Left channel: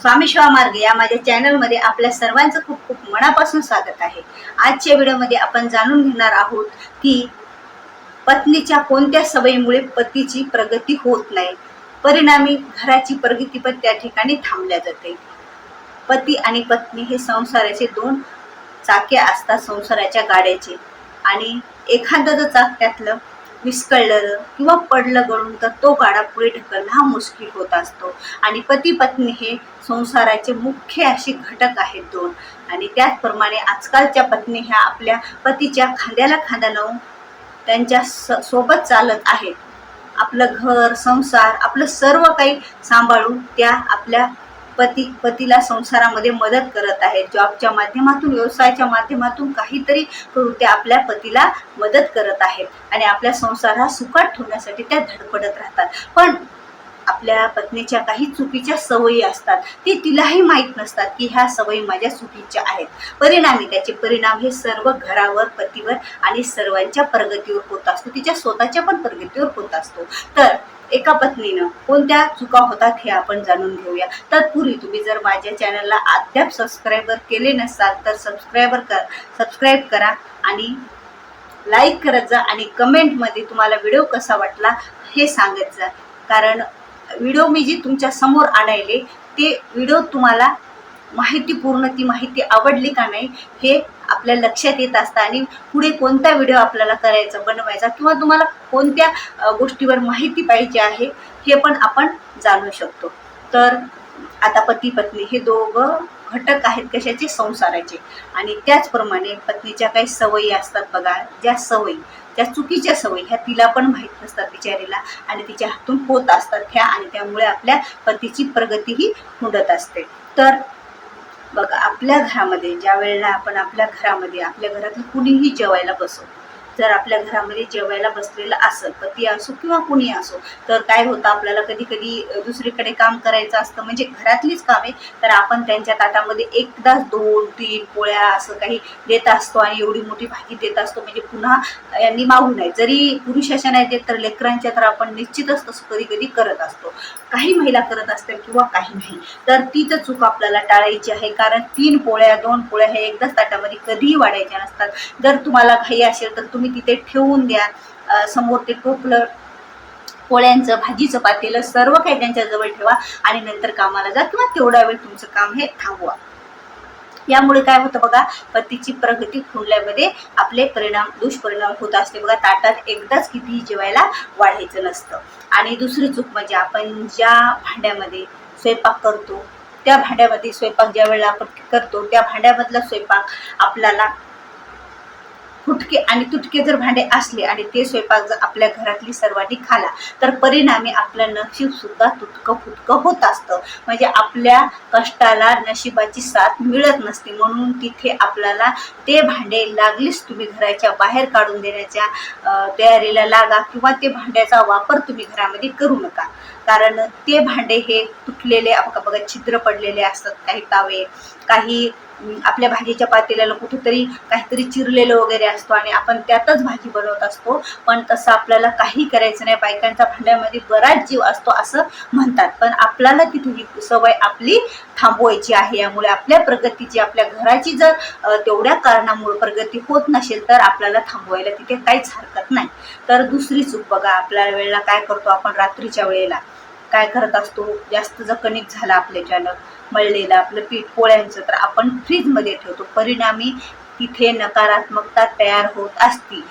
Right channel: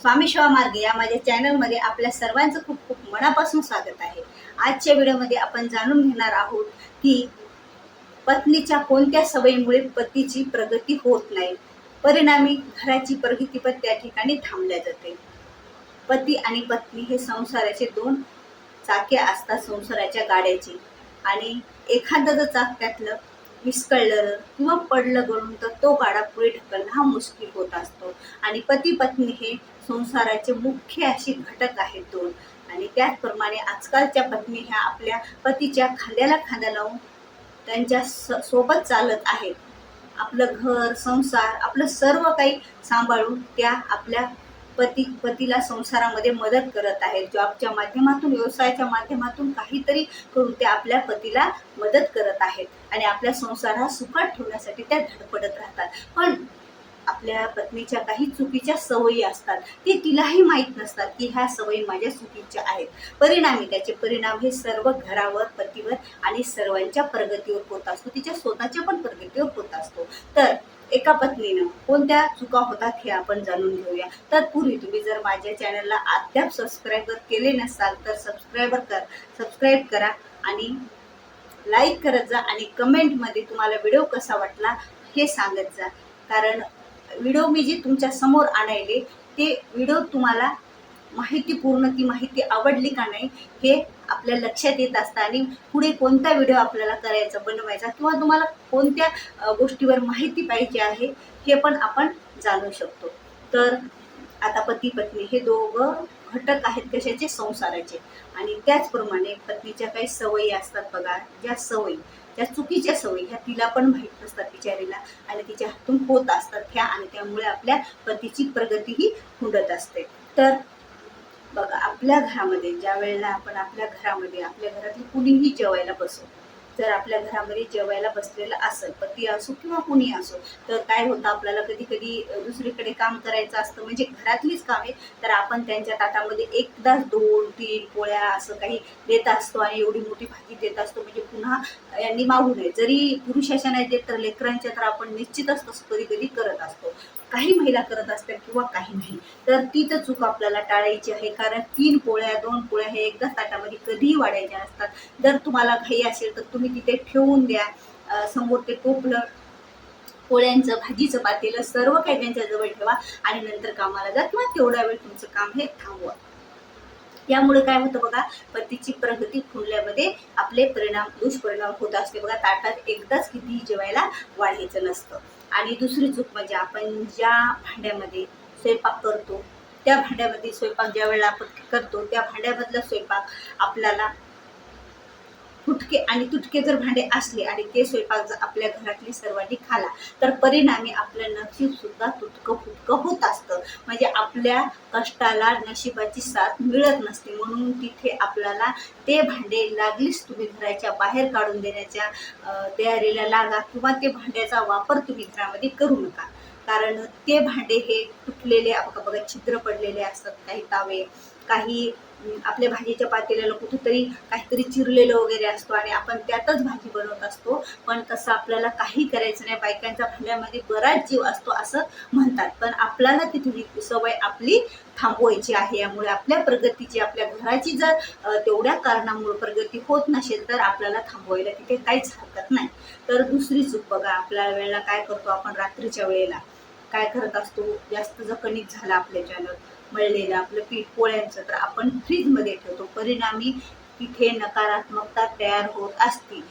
स्वामी शिवा मार्ग या माझ्या चॅनलमध्ये आपल्या सर्वांचं खूप खूप मनापासून स्वागत आहे। आजच्या व्हिडिओमध्ये आपण जाणून घेणार आहोत की पत्नीच्या कोणत्या सवयीमुळे पतीची प्रगती होत नाही, परिणामी घराची प्रगती पण त्या ठिकाणी थांबल्या जाते। पती आणि पत्नी हे संसाराचे दोन चाके असतात, संसाराच्या गाड्याचे, आणि एखादं जर चाक त्यातलं विस्कळलं किंवा पडलं गळून तर तो गाडा पुढे ढकलणं हा मुश्किल होत असतो। आणि पती पत्नी हे संसाराचे मुख्य असे घटक आहेत दोन, आणि त्याचप्रमाणे आजकालच्या पत्नी ह्या आपल्या पतीच्या खांद्याला खांदा लावून त्यांच्या सोबत चालत आहेत। आपलं घर संसार आपलं सर्व काही सांभाळून त्या आपल्या पतीला संसारामध्ये मदत करत आहेत। जॉबच्या माध्यमातून, व्यवसायाच्या माध्यमातून काहीतरी करून त्या आपल्या पतीला मदत करत आहेत आणि आपल्या संसार हा सुखात ठेवण्यासाठी त्या धडपडत राहतात। पण आपल्या पत्नीच्या काही चुकीच्या सवयी असतात, ते तिलाही माहीत नसतात की ह्या सवयी माझ्या चुकीच्या आहेत। परिणामी त्याचे परिणाम हे सर्व घरावर, पतीवर आणि सर्वांच्या प्रगतीवर होत असतो, तिच्या स्वतःच्या पण प्रगतीवर होत असतो। तर एका पत्नीनं कोणत्या चुका होतात हे आपण जाणून घेऊया। तत्पूर्वी तुम्ही जर माझ्या चॅनलला अद्याप सबस्क्राईबर केले नसाल तर सबस्क्राईब करा आणि लाईक करत जा आणि कमेंटमध्ये तुम्हाला व्हिडिओ कसा वाटला हे सांगत जा। कारण व्हिडिओ मी जी तुमच्या समोर आणायले ते व्हिडिओ तुम्हाला माहितीपूर्ण, ती माहिती आवडली का नाही हे आपल्या लक्षात येत असतं, आणि पुढे कोणता व्हिडिओ आपल्याला करायचा, बनवायचा, किंवा तुम्हाला कोणत्या गोष्टीवर माहिती पाहिजे आहे हे पण आपण जाणू शकतो। तर आता पती पत्नी हे दोघं घटक आहेत कशाचे, संसाराचे। आणि त्याचप्रमाणे पत्नीच्या काही सवयी असतात बघा, ज्या सवयी, त्या चुकीच्या सवयी ह्या तिला पण माहीत नसतात बिचारीला, आणि तिच्या हातून होत असतात ह्या, आणि त्यामुळे आपल्या पतीची प्रगतीही खुंटत असते। तर बघा, आपल्या घरामध्ये ज्या वेळेला आपण आपल्या घरातलं कुणीही जेवायला बसो, जर आपल्या घरामध्ये जेवायला बसलेलं असेल, पती असो किंवा कुणी असो, तर काय होतं, आपल्याला कधी कधी दुसरीकडे काम करायचं असतं, म्हणजे घरातलीच कामे, तर आपण त्यांच्या ताटामध्ये एकदाच 2-3 पोळ्या असं काही देत असतो आणि एवढी मोठी भाजी देत असतो, म्हणजे पुन्हा यांनी मागू नये। जरी पुरुष अशा नाही देत तर लेकरांच्या तर आपण निश्चितच तसं कधी कधी करत असतो, काही महिला करत असतील किंवा काही नाही। तर ती तर चूक आपल्याला टाळायची आहे, कारण 3 पोळ्या 2 पोळ्या हे एकदाच ताटामध्ये कधीही वाढायच्या नसतात। जर तुम्हाला घाई असेल तर तुम्ही तिथे ठेवून द्या, समोर ते टोपलं, पोळ्यांचं, भाजीचं पातेलं सर्व काही त्यांच्याजवळ ठेवा आणि नंतर कामाला जा, किंवा तेवढा वेळ तुमचं काम हे थांबवा। यामुळे काय होतं बघा, पतीची प्रगती खुंटल्यामध्ये आपले दुष्परिणाम होत असते बघा। ताटात एकदाच कितीही जेवायला वाढायचं नसतं। आणि दुसरी चूक म्हणजे आपण ज्या भांड्यामध्ये स्वयंपाक करतो, त्या भांड्यामध्ये स्वयंपाक ज्या वेळेला आपण करतो त्या भांड्यामधला स्वयंपाक आपल्याला फुटके आणि तुटके जर भांडे असले आणि ते स्वयंपाक जर आपल्या घरातली सर्वांनी खाला तर परिणामी आपलं नशीब सुद्धा तुटकं फुटकं होत असतं, म्हणजे आपल्या कष्टाला नशिबाची साथ मिळत नसते। म्हणून तिथे आपल्याला ते भांडे लागलीच तुम्ही घराच्या बाहेर काढून देण्याच्या तयारीला लागा, किंवा ते भांड्याचा वापर तुम्ही घरामध्ये करू नका। कारण ते भांडे हे तुटलेले बघा, छिद्र पडलेले असतात, काही तावे, काही आपल्या भाजीच्या पातेल्याला कुठेतरी काहीतरी चिरलेलं वगैरे असतो आणि आपण त्यातच भाजी बनवत असतो। पण तसं आपल्याला काही करायचं नाही, बायकांच्या भांड्यामध्ये बराच जीव असतो असं म्हणतात, पण आपल्याला तिथे ही सवय आपली थांबवायची आहे। यामुळे आपल्या प्रगतीची, आपल्या घराची जर तेवढ्या कारणामुळे प्रगती होत नसेल तर आपल्याला थांबवायला तिथे काहीच हरकत नाही। तर दुसरी चूक बघा, आपल्या वेळेला काय करतो आपण, रात्रीच्या वेळेला काय करत असतो, जास्त जर कणिक झाला आपल्याच्यानं मळलेलं आपलं पीठ पोळ्यांचं, तर आपण फ्रीजमध्ये ठेवतो, परिणामी तिथे नकारात्मकता तयार होत असती।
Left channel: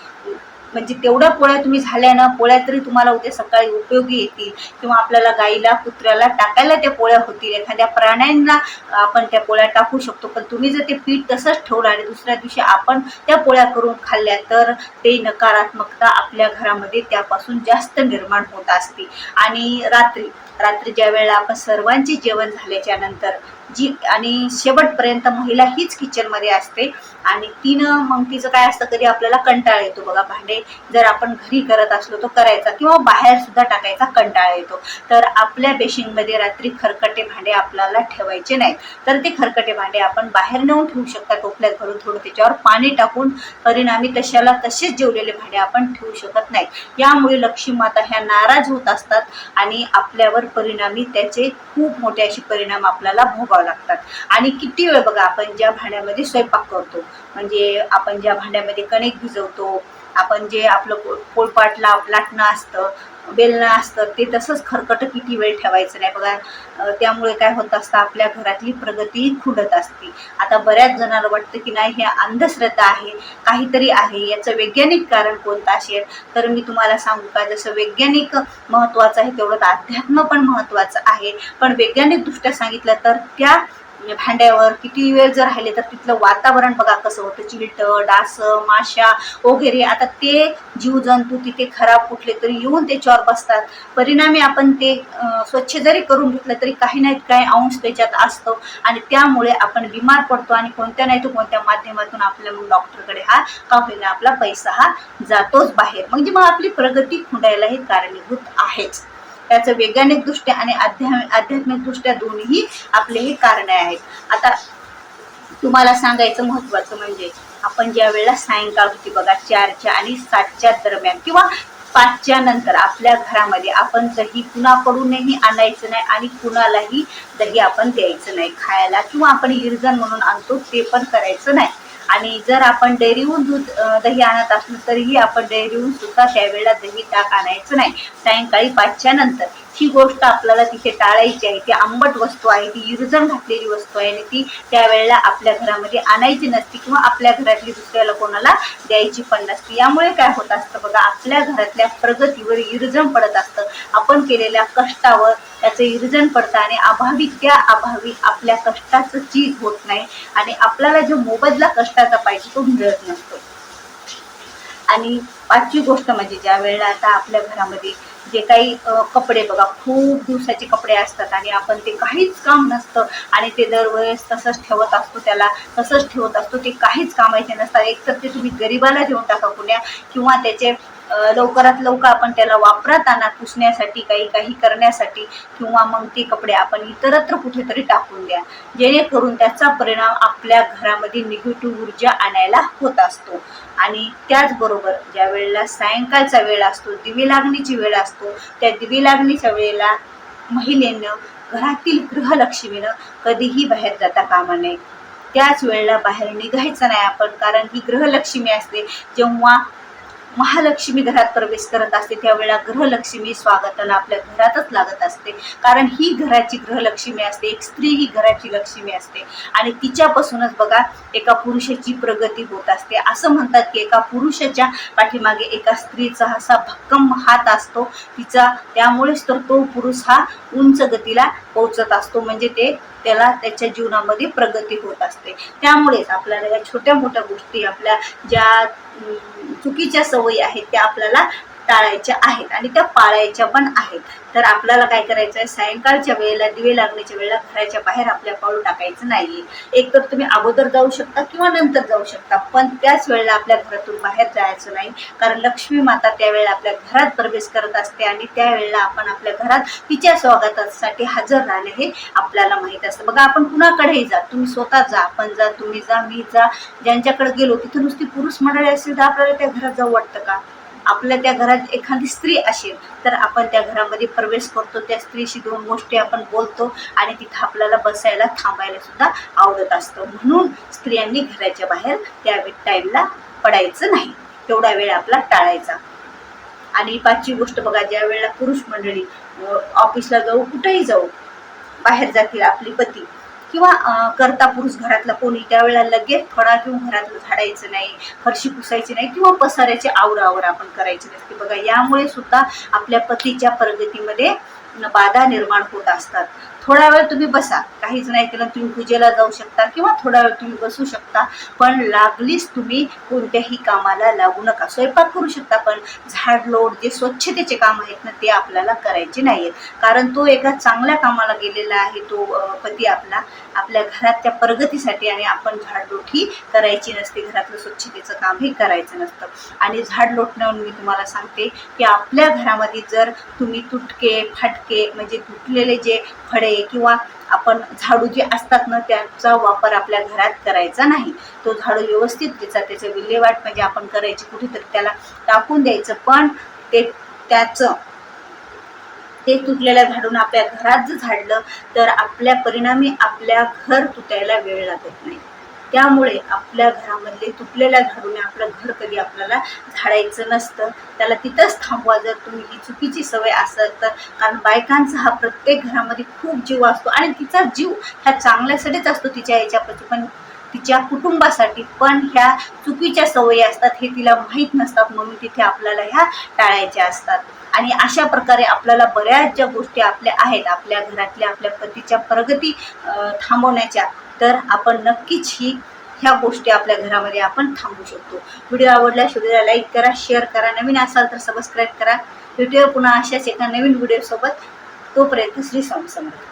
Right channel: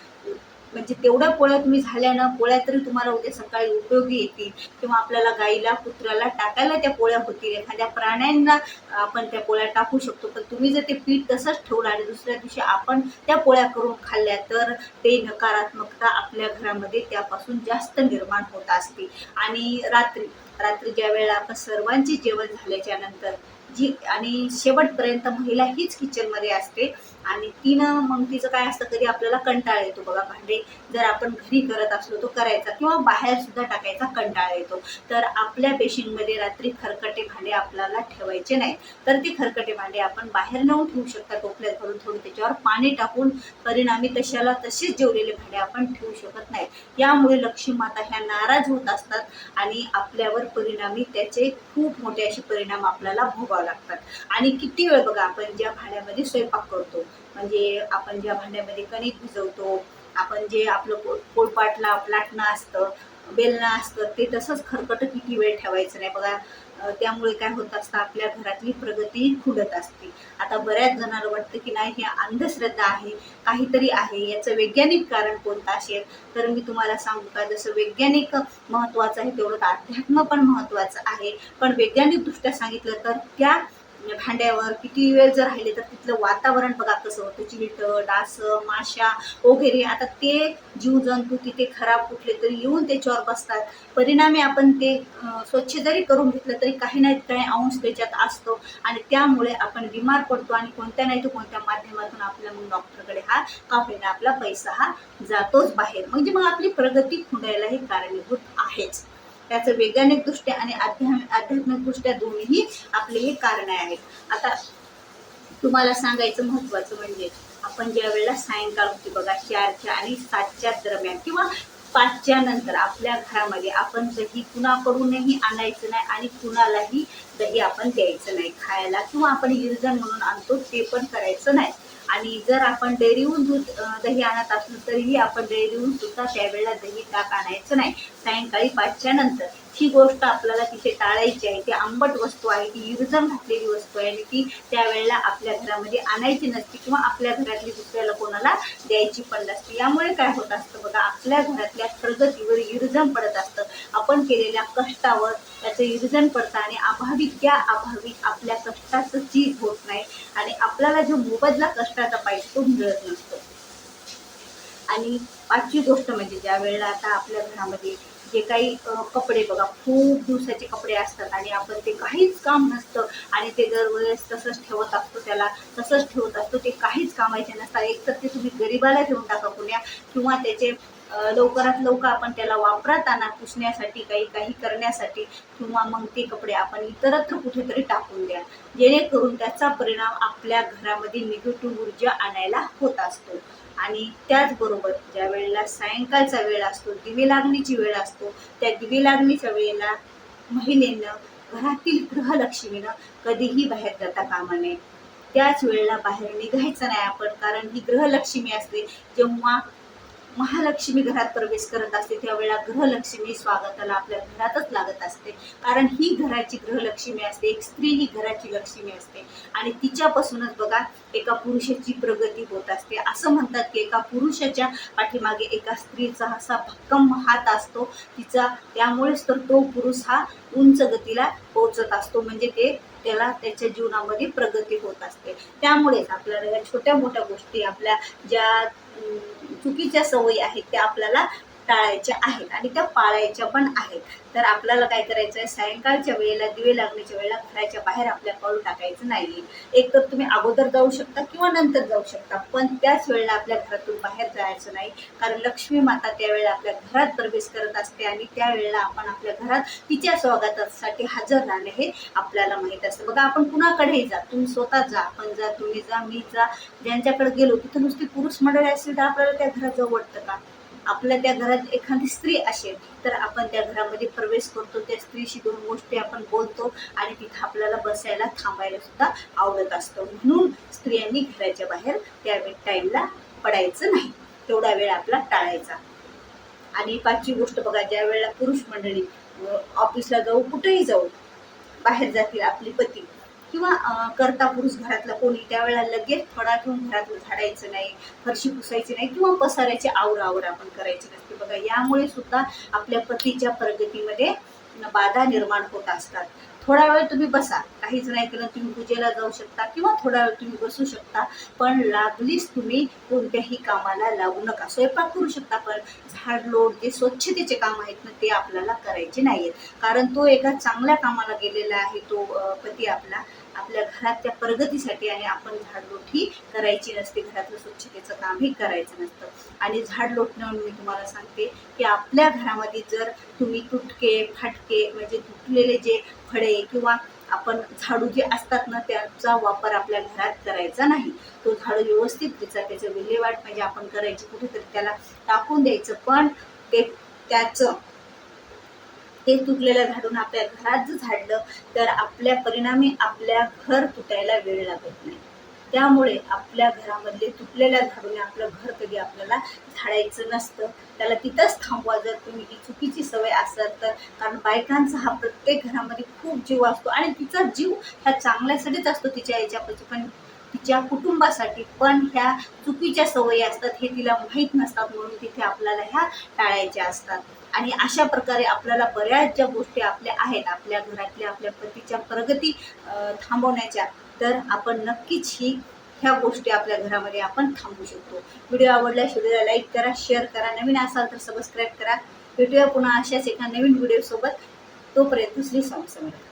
म्हणजे तेवढ्या पोळ्या तुम्ही झाल्या ना, पोळ्या तरी तुम्हाला उद्या सकाळी उपयोगी येतील, किंवा आपल्याला गाईला कुत्र्याला टाकायला त्या पोळ्या होतील, एखाद्या प्राण्यांना आपण त्या पोळ्या टाकू शकतो। पण तुम्ही जर ते पीठ तसंच ठेवलं आणि दुसऱ्या दिवशी आपण त्या पोळ्या करून खाल्ल्या तर ते नकारात्मकता आपल्या घरामध्ये त्यापासून जास्त निर्माण होत असते। आणि रात्री ज्या वेळेला आपण सर्वांचे जेवण झाल्याच्या नंतर जी आणि शेवटपर्यंत महिला हीच किचनमध्ये असते आणि तिनं मग तिचं काय असतं, कधी आपल्याला कंटाळा येतो बघा, भांडे जर आपण घरी करत असलो तर करायचा किंवा बाहेर सुद्धा टाकायचा कंटाळा येतो, तर आपल्या बेसिनमध्ये रात्री खरकटे भांडे आपल्याला ठेवायचे नाहीत. तर ते खरकटे भांडे आपण बाहेर नेऊन ठेवू शकता, टोपल्यात घालून थोडं त्याच्यावर पाणी टाकून. परिणामी तशाला तसेच जेवलेले भांडे आपण ठेवू शकत नाही. यामुळे लक्ष्मी माता ह्या नाराज होत असतात आणि आपल्यावर परिणामी त्याचे खूप मोठे असे परिणाम आपल्याला भोगावे लागतात. आणि किती वेळ बघा, आपण ज्या भांड्यामध्ये स्वयंपाक करतो, म्हणजे आपण ज्या भांड्यामध्ये कणिक भिजवतो, आपण जे आपलं पोळपाट लाटणं असतं, बेलणं असतं, ते तसंच खरकट किती वेळ ठेवायचं नाही बघा. त्यामुळे काय होत असतं, आपल्या घरातली प्रगती खुंटत असते. आता बऱ्याच जणांना वाटतं की नाही, हे अंधश्रद्धा आहे, काहीतरी आहे, याचं वैज्ञानिक कारण कोणतं असेल. तर मी तुम्हाला सांगू का, जसं वैज्ञानिक महत्त्वाचं आहे तेवढं अध्यात्म पण महत्त्वाचं आहे. पण वैज्ञानिक दृष्ट्या सांगितलं तर त्या भांड्यावर किती वेळ जर राहिले तर तिथलं वातावरण बघा कसं होतं, चिलटं, डास, माशा वगैरे. आता ते जीवजंतू तिथे खराब कुठले तरी येऊन त्याच्यावर बसतात. परिणामी आपण ते स्वच्छ जरी करून घेतलं तरी काही नाही काही अंश त्याच्यात असतो आणि त्यामुळे आपण बिमार पडतो आणि कोणत्या नाही तर कोणत्या माध्यमातून आपल्या मग डॉक्टरकडे हा का होईना आपला पैसा हा जातोच बाहेर. म्हणजे मग आपली प्रगती खुंटायला हे कारणीभूत आहेच. त्याचं वैज्ञानिक दृष्ट्या आणि आध्यात्मिक दृष्ट्या दोन्ही आपले हे कारण आहेत. आता तुम्हाला सांगायचं महत्त्वाचं म्हणजे, आपण ज्या वेळेला सायंकाळ होती बघा 4च्या आणि 7च्या दरम्यान किंवा 5च्या नंतर आपल्या घरामध्ये आपण दही कुणाकडूनही आणायचं नाही आणि कुणालाही दही आपण द्यायचं नाही खायला, किंवा आपण इरजण म्हणून आणतो ते पण करायचं नाही. आणि जर आपण डेअरीहून दही आणत असलो तरीही आपण डेअरीहून सुद्धा त्यावेळेला दही ताक आणायचं नाही सायंकाळी 5च्या नंतर. ही गोष्ट आपल्याला तिथे टाळायची आहे. ती आंबट वस्तू आहे, ती इरजण घातलेली वस्तू आहे आणि ती त्यावेळेला आपल्या घरामध्ये आणायची नसती किंवा आपल्या घरातली दुसऱ्याला कोणाला द्यायची पण नसती. यामुळे काय होत असतं बघा, आपल्या घरातल्या प्रगतीवर इरजण पडत असतं. आपण केलेल्या कष्टावर त्याचं इरजण पडतं आणि अभावी आपल्या कष्टाचं चीज होत नाही आणि आपल्याला जो मोबदला कष्टाचा पाहिजे तो मिळत नसतो. आणि 5वी गोष्ट म्हणजे, ज्या वेळेला आता आपल्या घरामध्ये जे काही कपडे बघा, खूप दिवसाचे कपडे असतात आणि आपण ते काहीच काम नसतं आणि ते दरवेळेस तसंच ठेवत असतो, त्याला तसंच ठेवत असतो, ते काहीच कामाचे नसतात. एक तर ते तुम्ही गरिबाला देऊन टाका कुण्या, किंवा त्याचे लवकरात लवकर आपण त्याला वापरात आणा पुसण्यासाठी, काही करण्यासाठी, किंवा मग ते कपडे आपण इतरत्र कुठेतरी टाकून द्या, जेणेकरून त्याचा परिणाम आपल्या घरामध्ये निगेटिव्ह ऊर्जा आणायला होत असतो. आणि त्याचबरोबर ज्या वेळेला सायंकाळचा वेळ असतो, दिवे लागणीची वेळ असतो, त्या दिवे लागणीच्या वेळेला महिलेनं, घरातील गृहलक्ष्मीनं कधीही बाहेर जाता कामा नये. त्याच वेळेला बाहेर निघायचं नाही आपण, कारण ही गृहलक्ष्मी असते. जेव्हा महालक्ष्मी घरात प्रवेश करत असते त्यावेळेला गृहलक्ष्मी स्वागताला आपल्या घरातच लागत असते, कारण ही घराची गृहलक्ष्मी असते. एक स्त्री ही घराची लक्ष्मी असते आणि तिच्यापासूनच बघा एका पुरुषाची प्रगती होत असते. असं म्हणतात की एका पुरुषाच्या पाठीमागे एका स्त्रीचा असा भक्कम हात असतो तिचा, त्यामुळेच तर तो पुरुष हा उंच गतीला पोहोचत असतो, म्हणजे त्याला त्याच्या जीवनामध्ये प्रगती होत असते. त्यामुळेच आपल्याला या छोट्या मोठ्या गोष्टी, आपल्या ज्या चुकीच्या सवयी आहेत त्या आपल्याला टाळायच्या आहेत आणि त्या पाळायच्या पण आहेत. तर आपल्याला काय करायचं आहे, सायंकाळच्या वेळेला दिवे लागण्याच्या वेळेला घराच्या बाहेर आपल्या पाऊल टाकायचं नाहीये. एक तर तुम्ही अगोदर जाऊ शकता किंवा नंतर जाऊ शकता, पण त्याच वेळेला आपल्या घरातून बाहेर जायचं नाही, कारण लक्ष्मी माता त्यावेळेला आपल्या घरात प्रवेश करत असते आणि त्यावेळेला आपण आपल्या घरात तिच्या स्वागतासाठी हजर राहणे हे आपल्याला माहीत असतं. बघा, आपण कुणाकडेही जा, तुम्ही स्वतः जा, आपण जा, तुम्ही जा, मी जा, ज्यांच्याकडे गेलो तिथं नुसती पुरुष मंडळी असेल तर आपल्याला त्या घरात जाऊ वाटतं का? आपल्या त्या घरात एखादी स्त्री असेल तर आपण त्या घरामध्ये प्रवेश करतो, त्या स्त्रीशी 2 गोष्टी आपण बोलतो आणि तिथं आपल्याला बसायला थांबायला सुद्धा आवडत असतं. म्हणून स्त्रियांनी घराच्या बाहेर त्या टाईमला पडायचं नाही, तेवढा वेळ आपला टाळायचा. आणि 5वी गोष्ट बघा, ज्या वेळेला पुरुष मंडळी ऑफिसला जाऊ, कुठेही जाऊ, बाहेर जातील आपले पती किंवा करता पुरुष घरातला कोणी, त्यावेळेला लगेच फळा घेऊन घरातलं झाडायचं नाही, फरशी पुसायची नाही किंवा पसाऱ्याची आवरावर आपण करायची नसते. बघा, यामुळे सुद्धा आपल्या पतीच्या प्रगतीमध्ये बाधा निर्माण होत असतात. थोडा वेळ तुम्ही बसा, काहीच नाही केलं तुम्ही पूजेला जाऊ शकता किंवा थोडा वेळ तुम्ही बसू शकता, पण लागलीच तुम्ही कोणत्याही कामाला लागू नका. स्वयंपाक करू शकता, पण झाडलोट जे स्वच्छतेचे काम आहेत ना ते आपल्याला करायचे नाहीत, कारण तो एका चांगल्या कामाला गेलेला आहे तो पती आपला, आपल्या घराच्या प्रगतीसाठी. आणि आपण झाडलोट ही करायची नसते, घरातलं स्वच्छतेचं कामही करायचं नसतं. आणि झाड लोटण्यावर मी तुम्हाला सांगते की आपल्या घरामध्ये जर तुम्ही तुटके फाटके म्हणजे तुटलेले जे फळे किंवा आपण झाडू जे असतात ना त्याचा वापर आपल्या घरात करायचा नाही. तो झाडू व्यवस्थित त्याचं विल्हेवाट म्हणजे आपण करायची, कुठेतरी त्याला टाकून द्यायचं, पण त्याचं ते तुटलेल्या झाडून आपल्या घरात जर झाडलं तर आपल्या परिणामी आपल्या घर तुटायला वेळ लागत नाही. त्यामुळे आपल्या घरामधले तुटलेल्या झाडूने आपलं घर कधी आपल्याला झाडायचं नसतं, त्याला तिथंच थांबवा जर तुम्ही ही चुकीची सवय असेल तर. कारण बायकांचा हा प्रत्येक घरामध्ये खूप जीव असतो आणि तिचा जीव ह्या चांगल्यासाठीच असतो तिच्या याच्यापासून, पण तिच्या कुटुंबासाठी. पण ह्या चुकीच्या सवयी असतात हे तिला माहीत नसतात, म्हणून तिथे आपल्याला ह्या टाळायच्या असतात. आणि अशा प्रकारे आपल्याला बऱ्याच ज्या गोष्टी आपल्या आहेत आपल्या घरातल्या आपल्या पतीच्या प्रगती थांबवण्याच्या, तर आपण नक्कीच ह्या गोष्टी आपल्या घरामध्ये आपण थांबवू शकतो. व्हिडिओ आवडल्यास व्हिडिओला लाईक करा, शेअर करा, नवीन असाल तर सबस्क्राईब करा. व्हिडिओ पुन्हा अशाच एका नवीन व्हिडिओसोबत. तोपर्यंत श्री स्वामी समर्थ.